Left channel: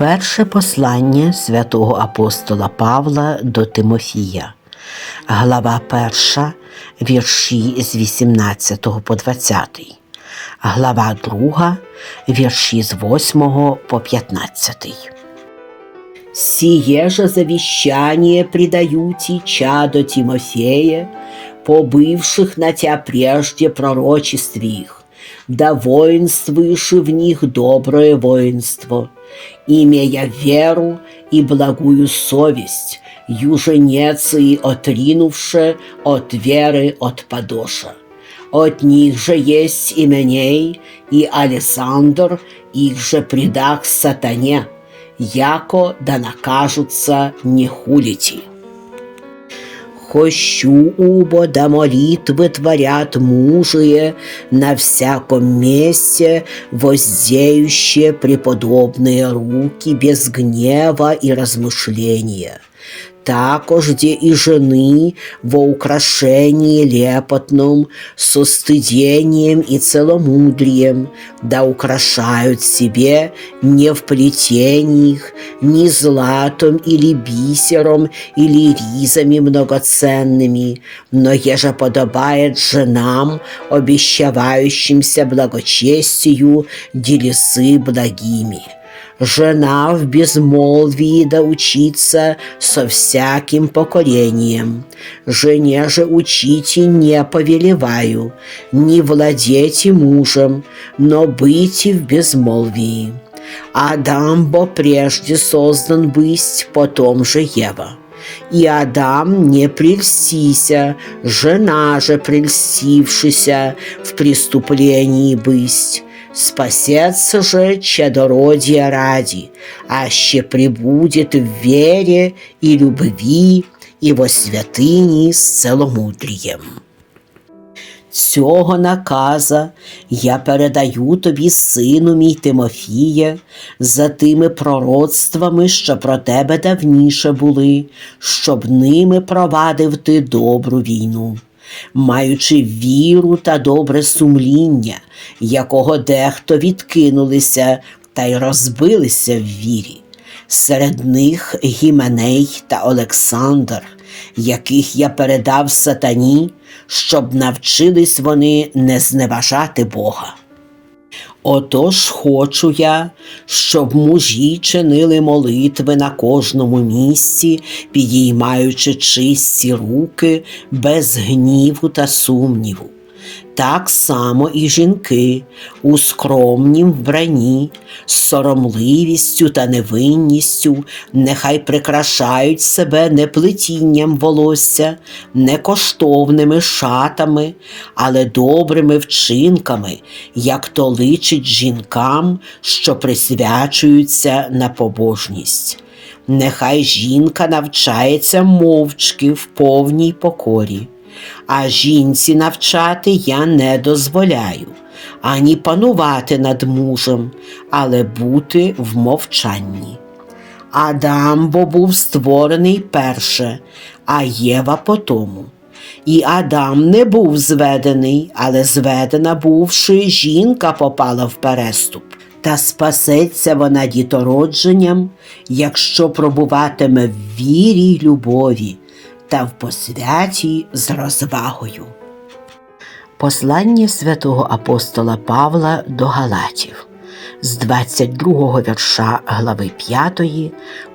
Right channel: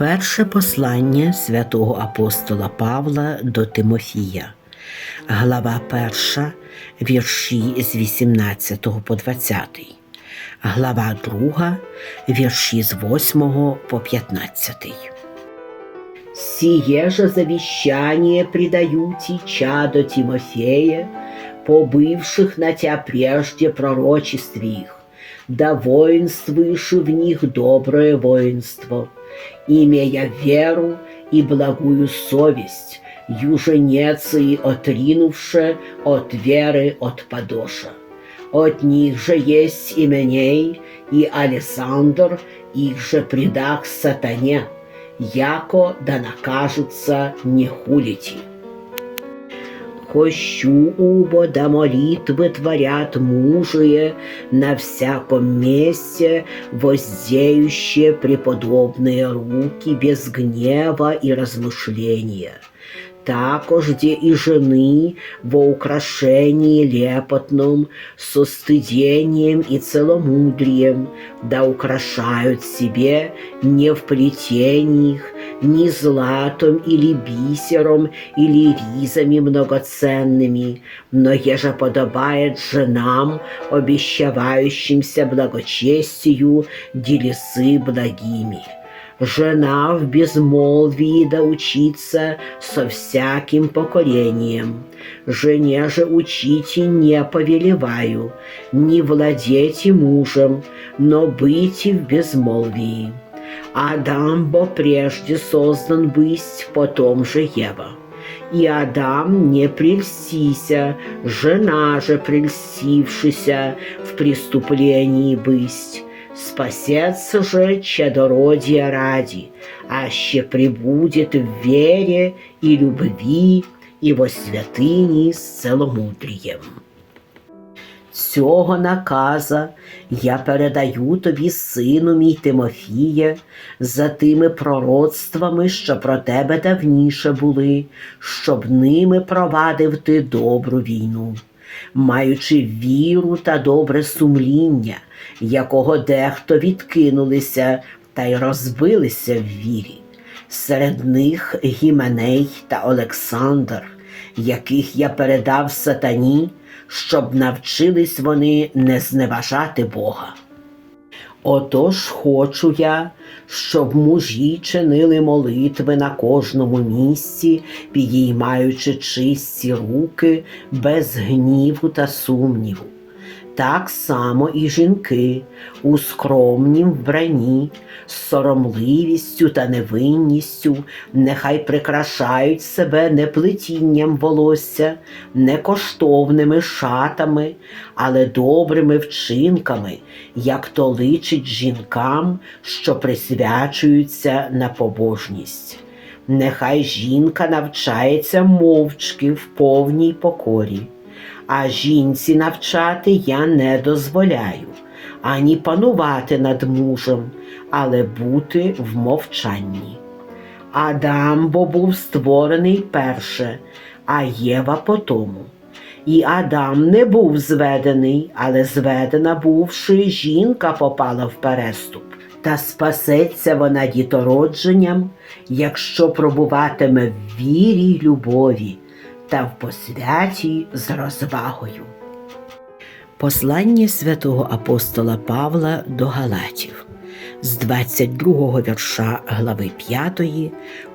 Перше послання святого апостола Павла до Тимофія, глава 1, вірші з 18 по 20, глава 2, вірші з 8 по 15. Сие же завещание предаю ти чадо Тимофея, побывших на тебя прежде пророчеств их, да воинствуешь в них доброе воинство, имея веру и благую совесть, юженецы отринувши от веры от подоша. От них же есть Именей и Александр, их же предах сатане, яко да накажутся не хулити Хощу убо да молитвы творят мужие на всяком месте, воздеющие преподобные руки без гнева и размышления. Також где и жены во украшении лепотном, со стыдением и целомудрием, да украшают себе не в плетениях, ни златом или бисером, или ризами многоценными, но еже подобает женам, обещавающимся благочестию, делесы благими жена в безмолвии да учиться со всяким покорением. Жене же учите не повелеваю, не владейте мужем, но быть в безмолвии. Адам бо прежде создан быть, потом же Ева. И Адам не прельстися, жена же прельстившися в преступлении быть. Спасется же чадородия ради, аще прибудет в вере и любви и во святыні з целомудрієм. Цього наказа я передаю тобі, сину мій Тимофіє, за тими пророцтвами, що про тебе давніше були, щоб ними провадив ти добру війну маючи віру та добре сумління, якого дехто відкинулися та й розбилися в вірі. Серед них Гіменей та Олександр, яких я передав сатані, щоб навчились вони не зневажати Бога. Отож хочу я, щоб мужі чинили молитви на кожному місці, підіймаючи чисті руки без гніву та сумніву. Так само і жінки у скромнім вбранні, з соромливістю та невинністю, нехай прикрашають себе не плетінням волосся, не коштовними шатами, але добрими вчинками, як то личить жінкам, що присвячуються на побожність. Нехай жінка навчається мовчки в повній покорі а жінці навчати я не дозволяю, ані панувати над мужем, але бути в мовчанні. Адам бо був створений перше, а Єва потому. І Адам не був зведений, але зведена бувши, жінка попала в переступ. Та спасеться вона дітородженням, якщо пробуватиме в вірі й любові, та в посвяті з розвагою. Послання святого апостола Павла до Галатів з 22 вірша глави 5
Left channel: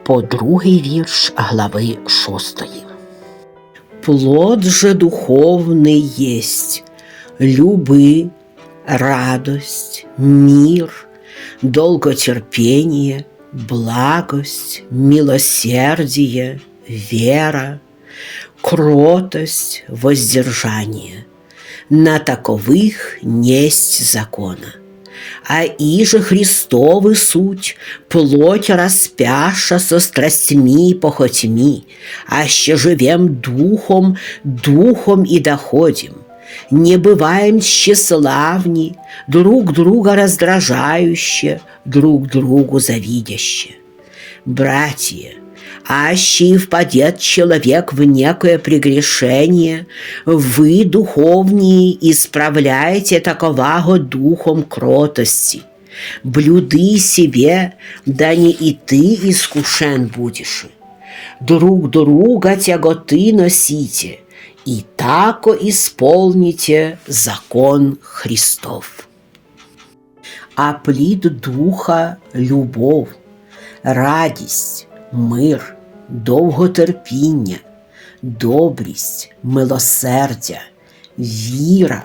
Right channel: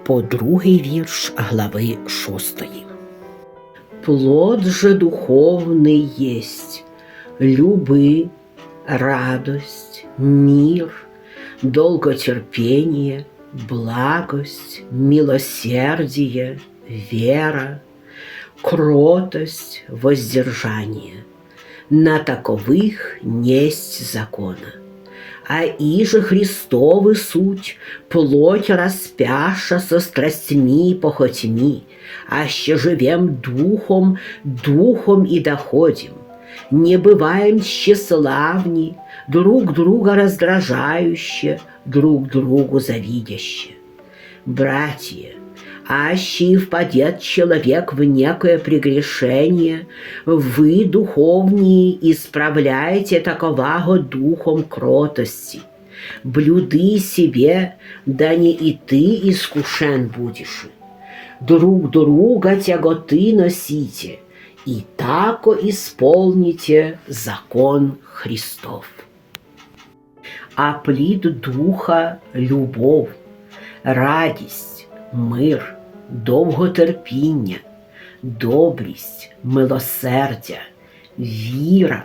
по другий вірш глави 6. Плод же духовний єсть люби, радость, мир, долготерпение, благость, милосердие, вера, кротость, воздержание. На таковых несть закона. А иже Христовы суть, плоть распяша со страстьми и похотьми, аще живем духом, духом и доходим. Не бываем тщеславни, друг друга раздражающие, друг другу завидяще. Братья, аще впадет человек в некое прегрешение, вы, духовные, исправляете таковаго духом кротости. блюди себе, да не и ты искушен будешь. Друг друга тяготы носите, и тако исполните закон Христов. А плід духа любов, радість, мир, довготерпіння, добрість, милосердя, віра,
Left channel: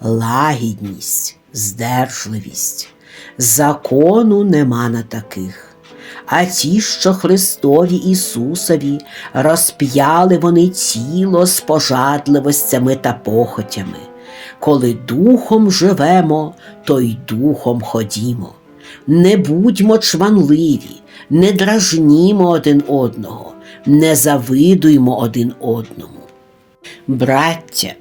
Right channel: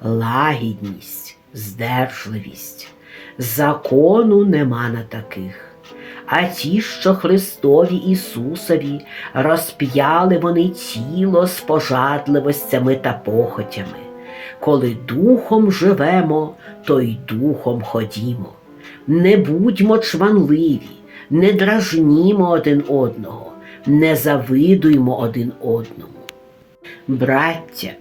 лагідність, здержливість. Закону нема на таких. А ті, що Христові Ісусові розп'яли вони тіло з пожадливостями та похотями. Коли духом живемо, то й духом ходімо. Не будьмо чванливі, не дражнімо один одного, не завидуймо один одному. Браття,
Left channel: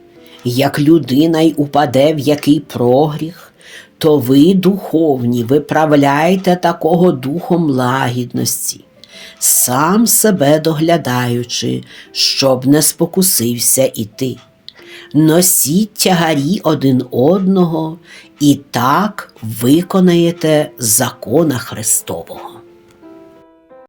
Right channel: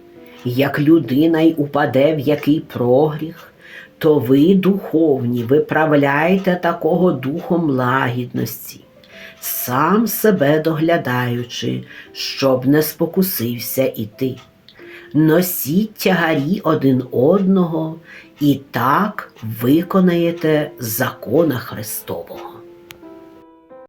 як людина й упаде в який прогріх, то ви, духовні, виправляйте такого духом лагідності, сам себе доглядаючи, щоб не спокусився і ти. Носіть тягарі один одного і так виконаєте закона Христового.